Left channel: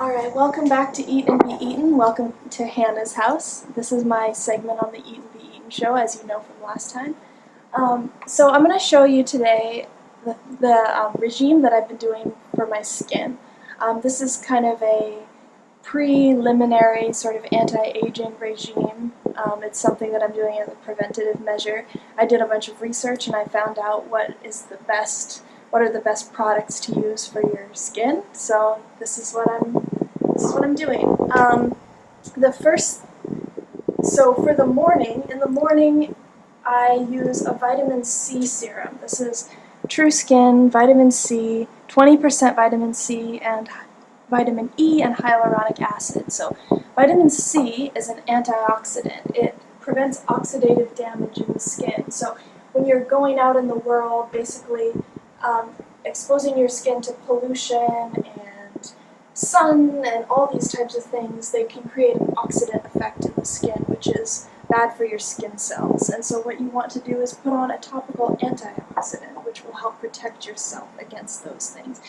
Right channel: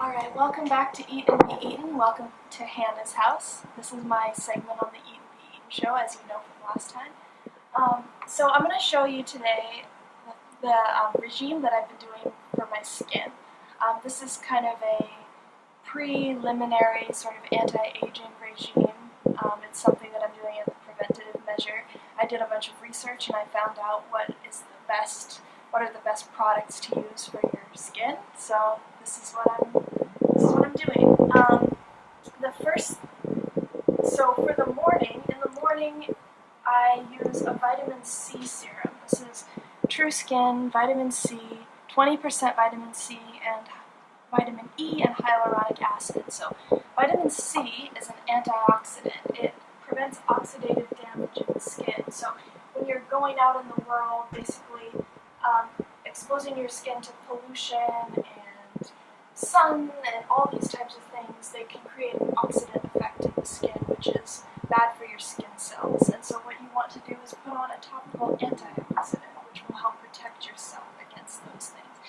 Alright, welcome back to Eat and Be Eaten. Welcome to Hannah's house. This is my segment on the Eat and Be Eaten show, as you know from last time. So I'm going to show you today the regime that I've been doing for my skin. This is kind of a preliminary sort of anti-aging regime. It's something that I'm doing as a preventative measure. I did a bunch of research and I found out what are the best products to use for your skin. So this is what I'm doing. So for the morning, in the morning I use a vitamin C serum. This is True Skin, vitamin C, 20% vitamin C, and vitamin E and hyaluronic acid. So vitamin C is an antioxidant. It prevents oxidative damage in the skin. So when you're going out in the world, basically exposing your skin to pollution and sun and all these types of things, they can create an oxidant effect in the skin, which is bad for your skin cells. And so what you want to do is put on a topical antioxidant, which will help protect yourself against those things.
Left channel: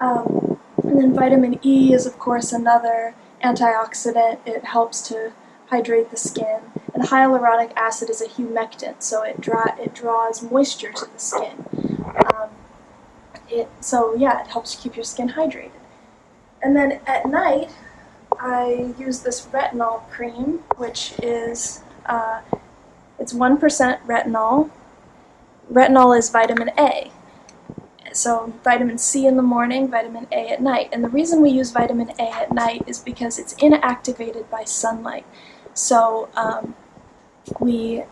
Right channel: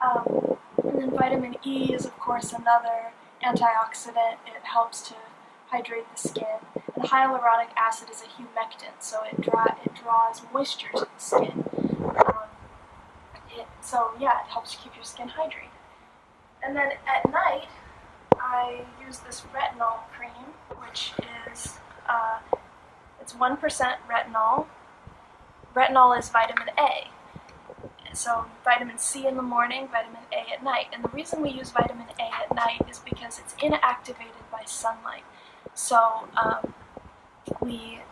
And then vitamin E is, of course, another antioxidant. It helps to hydrate the skin. And hyaluronic acid is a humectant, so it draws moisture to the skin. It helps keep your skin hydrated. And then at night, I use this retinol cream, which is, it's 1% retinol. Retinol is vitamin A. So vitamin C in the morning, vitamin A at night. And the reason we use vitamin A at night is because it's inactivated by sunlight. So we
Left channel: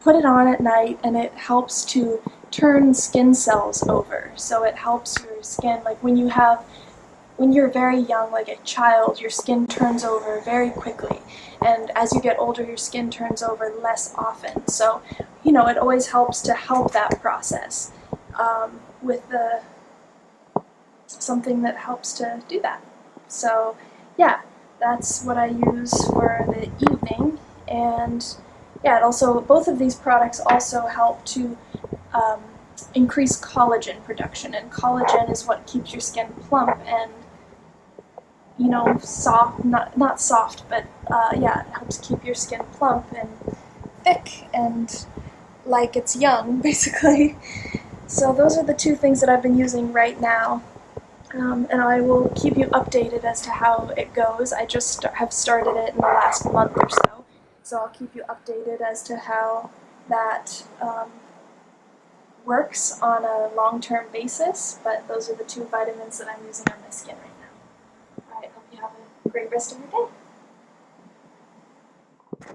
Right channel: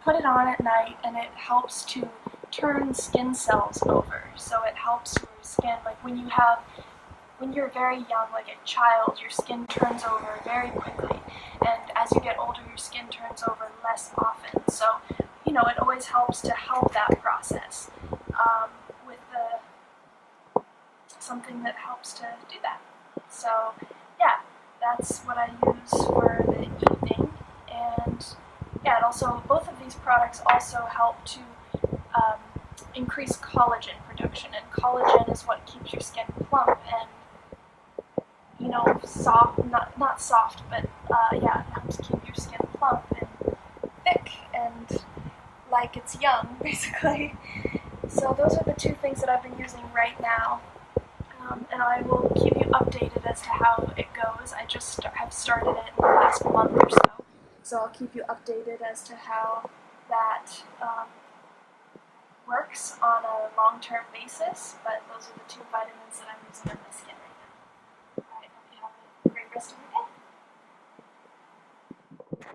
put it on at night and it helps to turn skin cells over. So it helps your skin, like when you're very young, like a child, your skin turns over very quickly. And as you get older, your skin turns over less often. So, it always helps to help that process with something that helps to do that. So, yeah, that's what I use for the evening. And yeah, both of these products also help to increase collagen production, and collagen is what keeps your skin plump and soft, not soft, but it helps keep your skin plump and thick and like it's young, basically. So those are the two things that I've been using right now, and I will keep you updated as to how it goes. I just have started it in the last month or so I'll keep you updated as to how that works on a long-term basis, but those are the two vitamins that I'm using on my skin right now. Alright, hope you have a great rest of your day.